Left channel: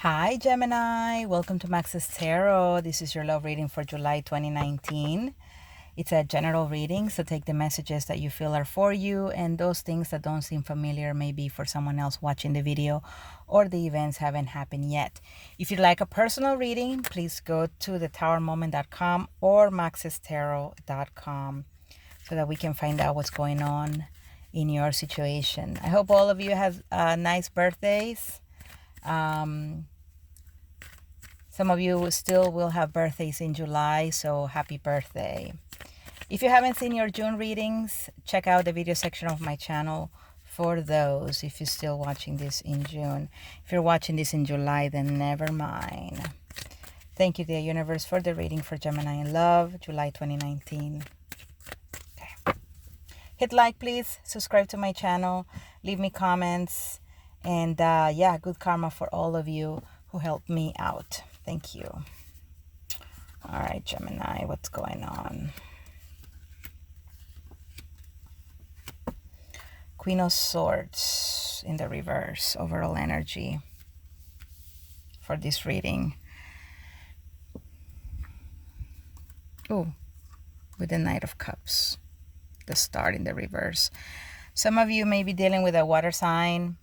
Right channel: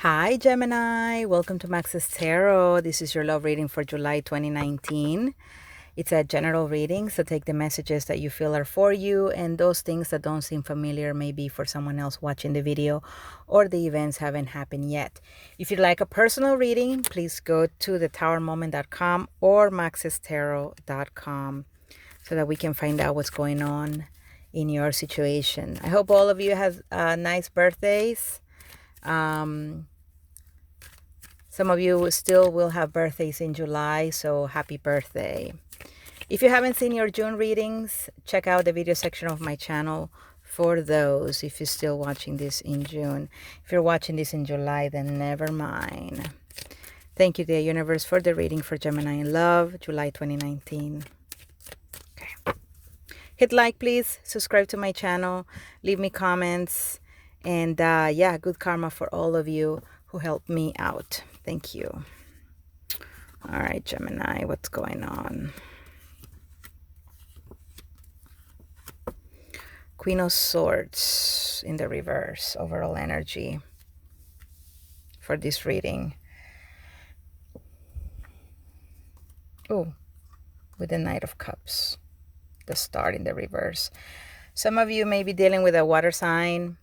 Hi, Gemini. Welcome to Max's Tarot. This is your love reading for July 2019. It's a general reading, so take the messages that you feel are for you, and those things that don't seem familiar maybe for someone else watching the video, or the events haven't happened yet. If you'd like a personal reading, please go to thetowermoment.com or maxestarot.com so that we can find out what's going on in your situation. I hope all of you have nice birthdays. Some of you still will have birthdays in July, so happy birthday. If you haven't seen your June readings, check out the video section of my channel for those if you're still watching this in June. If you're watching this in July, then never mind. Thank you, dear universe, for the reading for Gemini in Love, July 2019. Okay. Hit like, please. Subscribe to my channel. Leave me comments. And yeah, good karma for all of you who helped me out. Thank you. All right, Gemini, what's going on? Queen of Swords in the reverse, overall energy for this reading. Oh, with the Knight of Cups, the Star in the reverse. Some of you may be dealing with a water sign.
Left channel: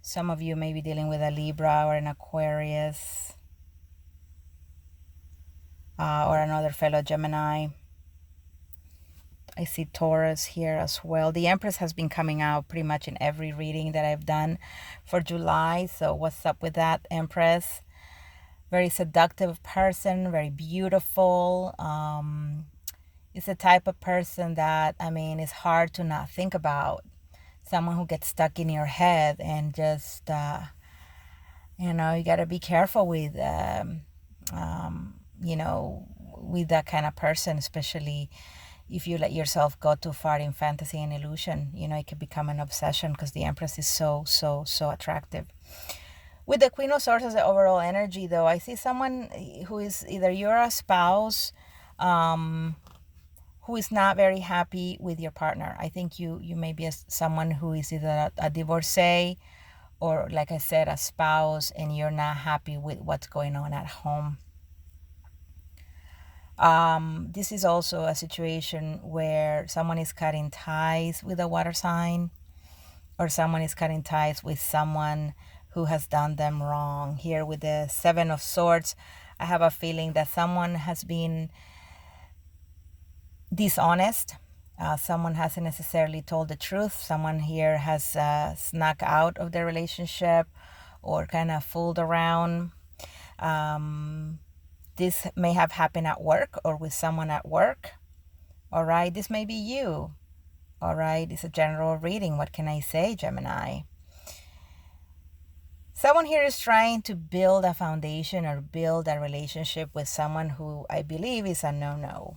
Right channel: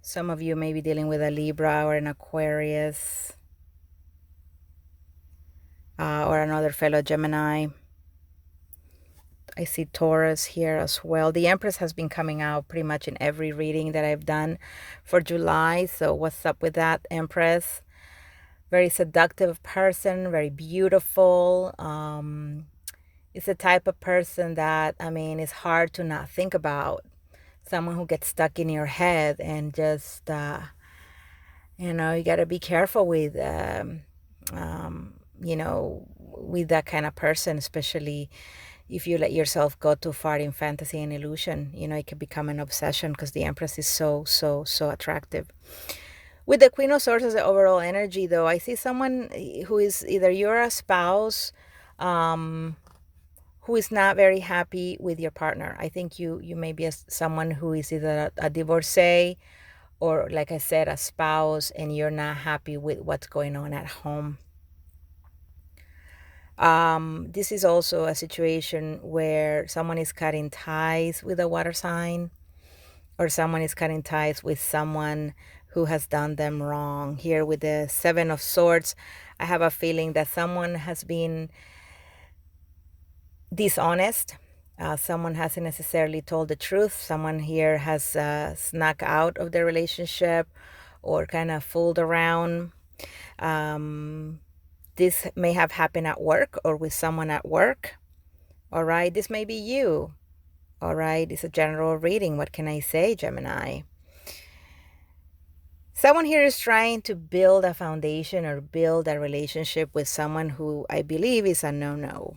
Some of you may be dealing with a Libra or an Aquarius. Or another fellow Gemini. I see Taurus here as well. The Empress has been coming out pretty much in every reading that I've done for July. So what's up with that, Empress? Very seductive person, very beautiful. It's the type of person that, I mean, it's hard to not think about. Someone who gets stuck in your head and just, you know, you got to be careful with, you know, with that kind of person, especially if you let yourself go too far in fantasy and illusion. You know, it could become an obsession because the Empress is so attractive. With the Queen of Swords as the overall energy, though, I see someone who is either you're a spouse who is not very happy with your partner. I think you may be someone who is either a divorcee or, like I said, a spouse, and you're not happy with what's going on at home. This is also a situation where someone is cutting ties with a water sign, or someone is cutting ties with someone who has done them wrong. Here with the Seven of Swords, I have a feeling that someone has been dishonest. Someone hasn't necessarily told the truth. Someone here has snuck out of the relationship or kind of fooled around. This may have happened at work or with someone at work. All right, this may be you. All right, it's a general reading. What can I say, Gemini? Someone here is trying to build a foundation or build a relationship with someone who I believe is a no-no.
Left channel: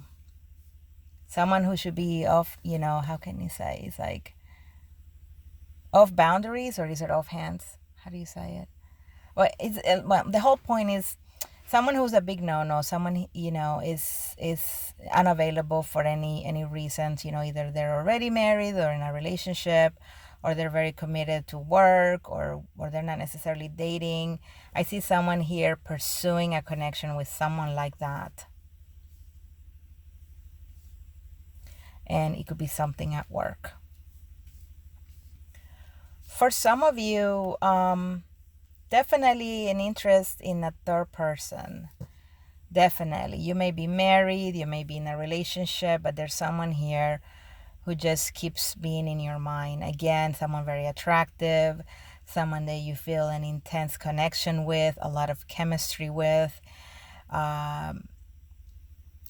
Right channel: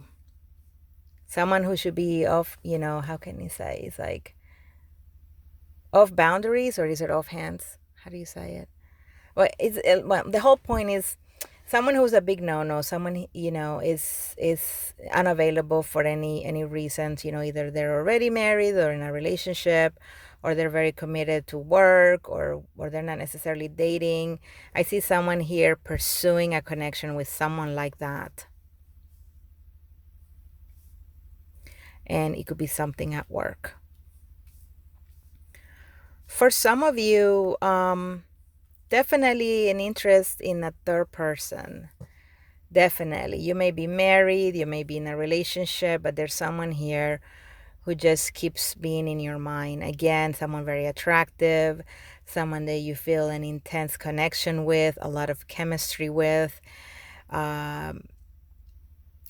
Someone who should be off, you know, how can you say? It's like off boundaries, or is it off hands? How do you say it? Well, the whole point is someone who's a big no-no, someone, you know, is unavailable for any reasons. You know, either they're already married or in a relationship, or they're very committed to work, or they're not necessarily dating. I see someone here pursuing a connection with someone like that. And it could be something at work. For some of you, definitely an interest in a third person. Definitely. You may be married, you may be in a relationship, but there's someone here who just keeps being in your mind. Again, someone very attractive, someone that you feel an intense connection with, a lot of chemistry with.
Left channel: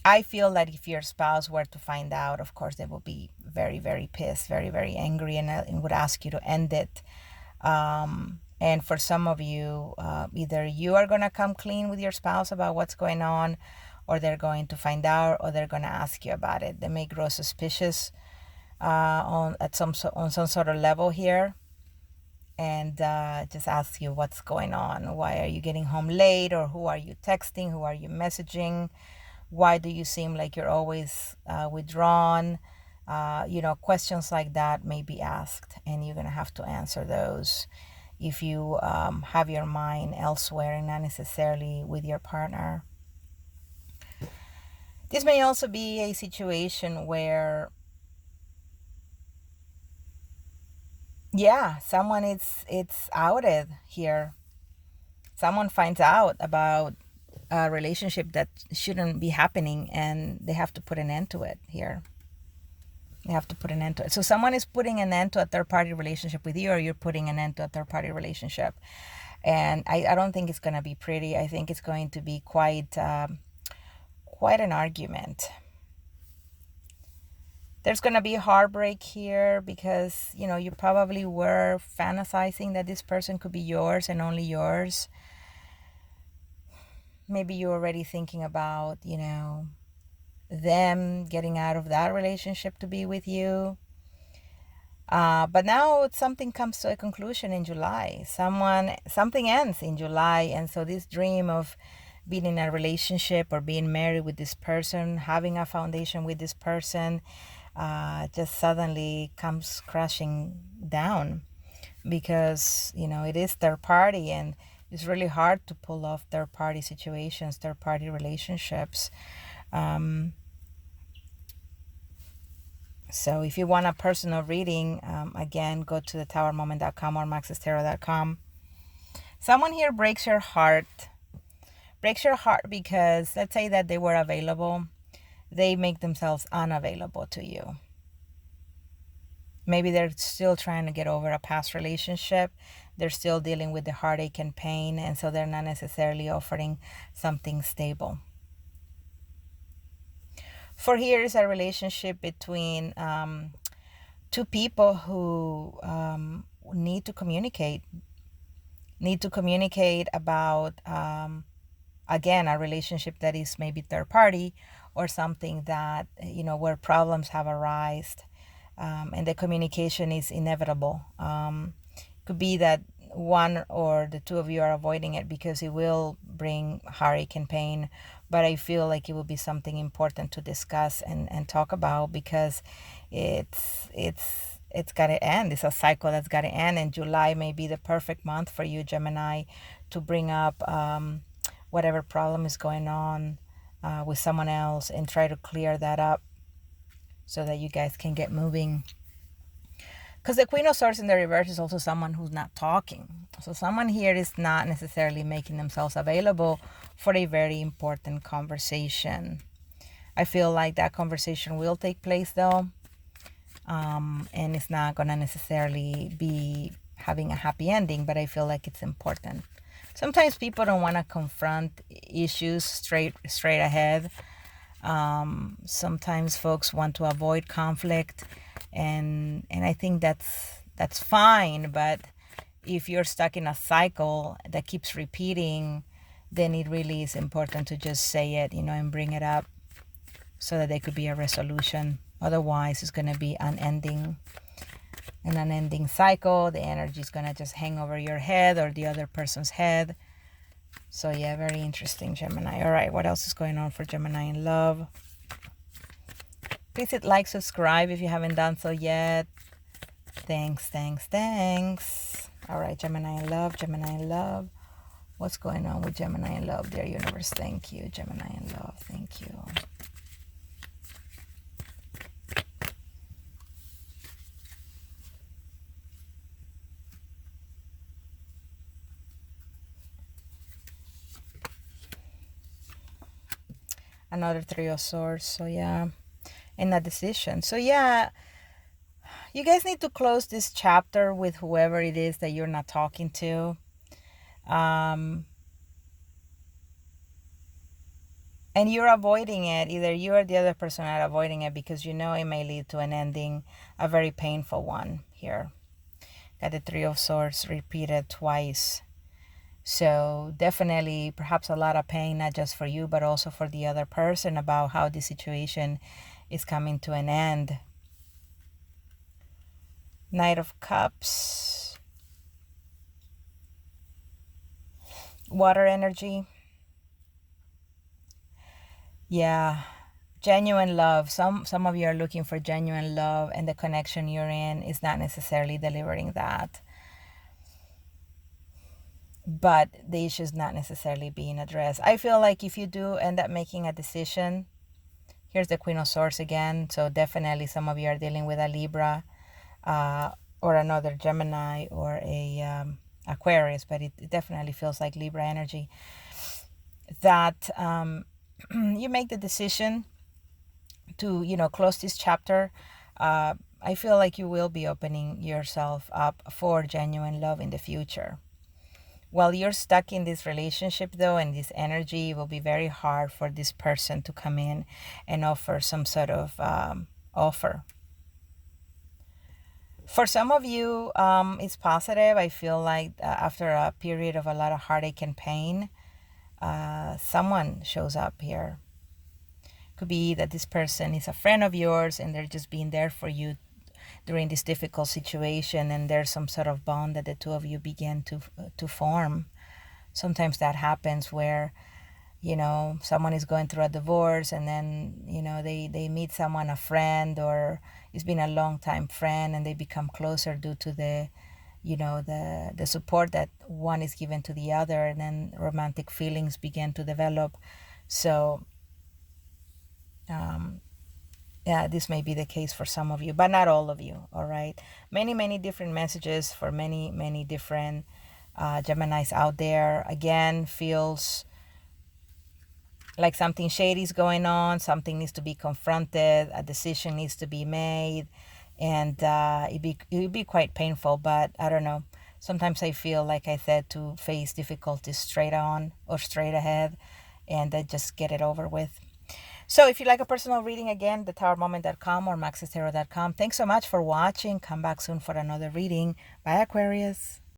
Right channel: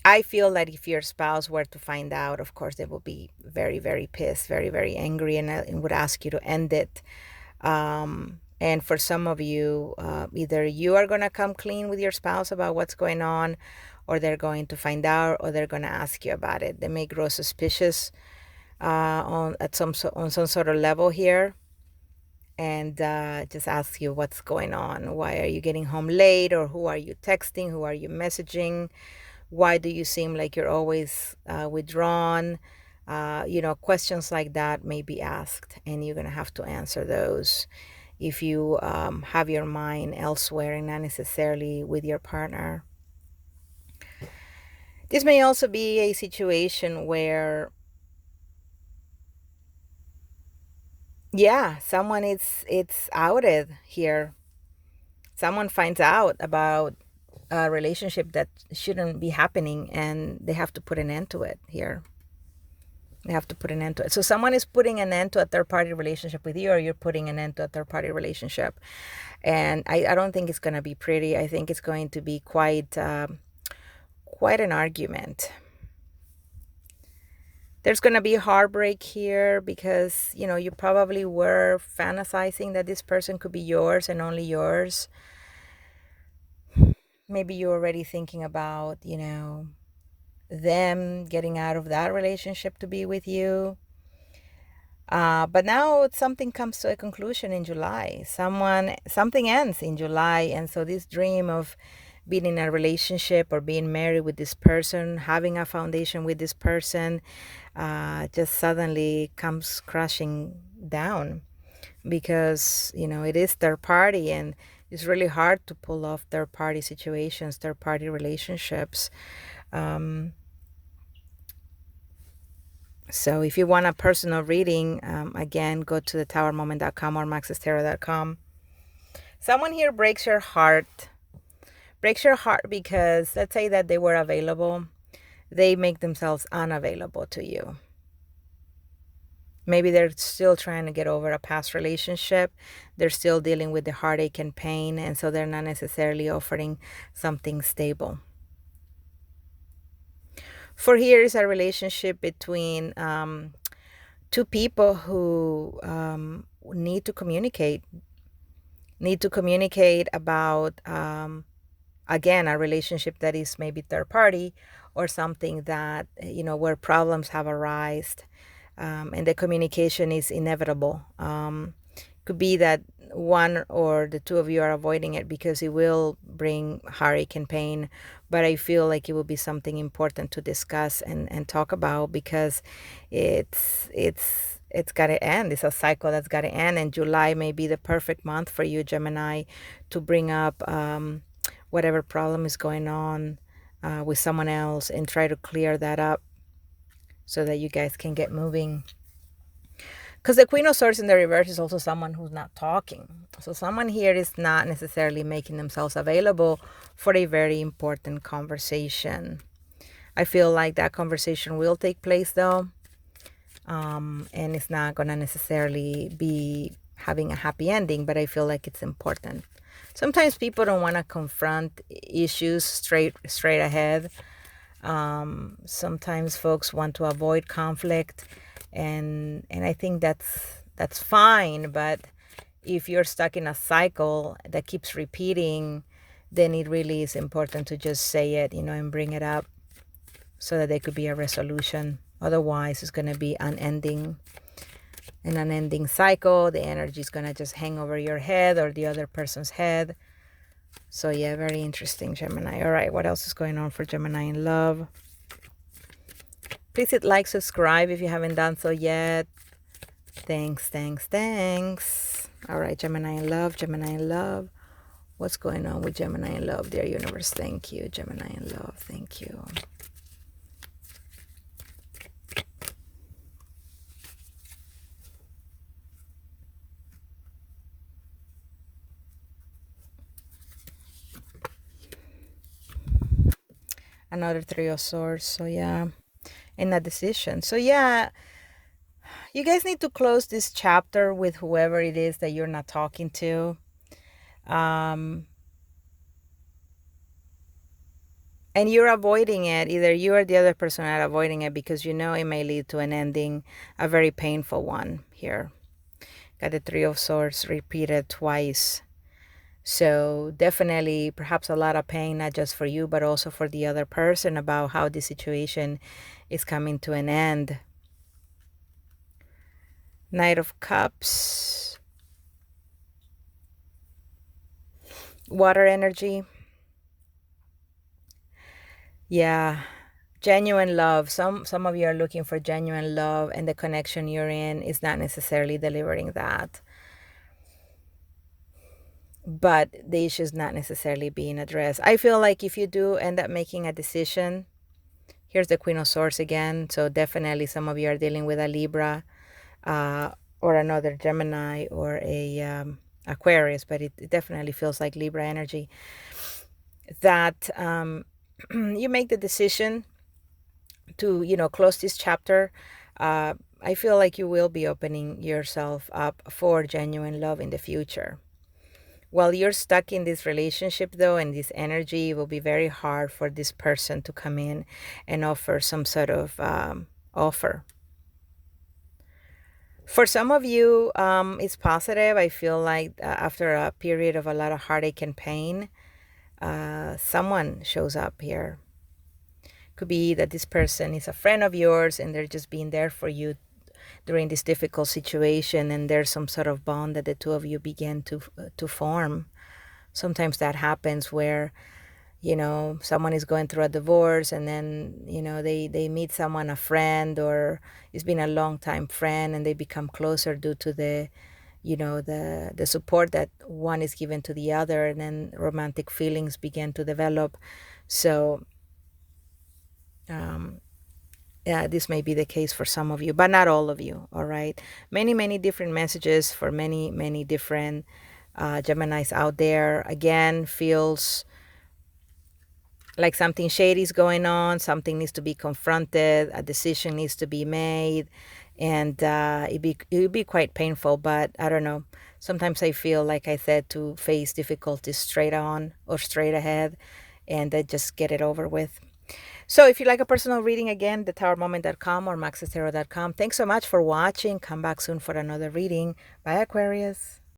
I feel that if your spouse were to find out, of course, they will be very, very pissed, very, very angry, and would ask you to end it. And for some of you, either you are going to come clean with your spouse about what's going on, or they're going to find out, or they're going to ask you about it. They may grow suspicious on some sort of level here, and just ask you what's going on. Why are you getting home late? Or who are you texting? Who are you messaging? Why do you seem like you're always withdrawn? You know, questions like that may be asked, and you're going to have to answer those. if you have your mind elsewhere and not necessarily with your partner. This may also be a situation where, yeah, someone it's outed here. Someone finds out about a relationship that shouldn't be happening, and they have to put an end to it here. They have to put an end to it. So someone is putting an end to a third-party relationship with you, or you're putting an end to a third-party relationship. And I don't think it's going to be pretty. I think it's going to be quite an argument. There's going to be a heartbreak here because, you probably were fantasizing that this person could be yours and only yours. Maybe you're already thinking about, them getting out of that relationship to be with you. But now something comes to a conclusion in July. Something ends in July. And so this dream of being in a relationship or being married with this person, having a foundation with this person, just suddenly comes crashing down because, it is third party, and it's really hard to pull off third party situations, third party relationships. So if you want a personal reading, again, go to thetowermoment.com or maxestarot.com. Someone here breaks your heart. Breaks your heart because let's say that they were available. They make themselves unavailable to you. Maybe they're still trying to get over a past relationship. They're still dealing with the heartache and pain, and so they're not necessarily offering something stable. For here is a relationship between two people who need to communicate about, again, a relationship that is maybe third party or something that, where problems have arisen, and the communication is inevitable. Could be that one or the two of you are avoiding it because it will bring heartache and pain, but I feel like it will be something important to discuss and talk about because it's got to end. It's a cycle that's got to end, and July may be the perfect month for you, Gemini, to bring up whatever problem is going on with someone else and try to clear that up so that you guys can get moving. Because the Queen of Swords in the reverse is also someone who's not talking. So someone here is not necessarily making themselves available for a very important conversation. I feel like that conversation will take place though. And it's not going to necessarily be having a happy ending, but I feel like it's important. Sometimes people don't want to confront issues straight ahead. Sometimes folks want to avoid conflict, and I think that's fine. But if you're stuck in a cycle that keeps repeating, then it really is important to just say it, and bring it up so that there could be a resolution. Otherwise, it's going to be an unending cycle. The energy is going to just hang over your head or the other person's head. So yeah, very interesting, Gemini. All right, what else is going on for Gemini in love? Please hit like, subscribe if you haven't done so yet. Thanks. All right, Gemini in love. What's going on with Gemini in love, dear universe? Thank you, Gemini in love. Thank you. Another Three of Swords. So yeah, and a decision. So yeah, you guys need to close this chapter with whoever it is that you're not talking to. And you're avoiding it. Either you or the other person are avoiding it because it may lead to an ending, a very painful one here. Got the Three of Swords repeated twice. So definitely perhaps a lot of pain, not just for you, but also for the other person about how this situation is coming to an end. Knight of Cups. Water energy. Yeah. Genuine love. Some of you are looking for genuine love, and the connection you're in is not necessarily delivering that. but the issue is not necessarily being addressed. I feel like if you do end up making a decision, here's the Queen of Swords again. So definitely some of you are dealing with a Libra, or another Gemini, or a Aquarius, but it definitely feels like Libra energy. That you make the decision to, close this chapter. I feel like you will be opening yourself up for genuine love in the future. While you're stuck in this relationship, though, and this energy, it will be very hard for this person to come in and offer some sort of offer. For some of you, it's positive. I feel like after a period of a lot of heartache and pain, someone shows up here. Could be that this person is a friend of yours and they're just being there for you during this difficult situation, and there's some sort of bond that the two of you begin to form. Sometimes that happens where, someone is going through a divorce, and then, they meet someone, a friend, or it's been a long time friend, and they become closer due to the the support that one is given to the other, and then romantic feelings begin to develop. So yeah, this may be the case for some of you, but not all of you. All right, many different messages for many different Geminis out there. Again, feels like something shady is going on, something needs to be confronted, a decision needs to be made, and it'd be quite painful. But I don't know, sometimes I feel, like I said, to face difficulties straight on or straight ahead, and then just get it over with. So if you like a personal reading, again, thetowermoment.com or maxestarot.com. Thanks so much for watching. Come back soon for another reading. Bye, Aquarius.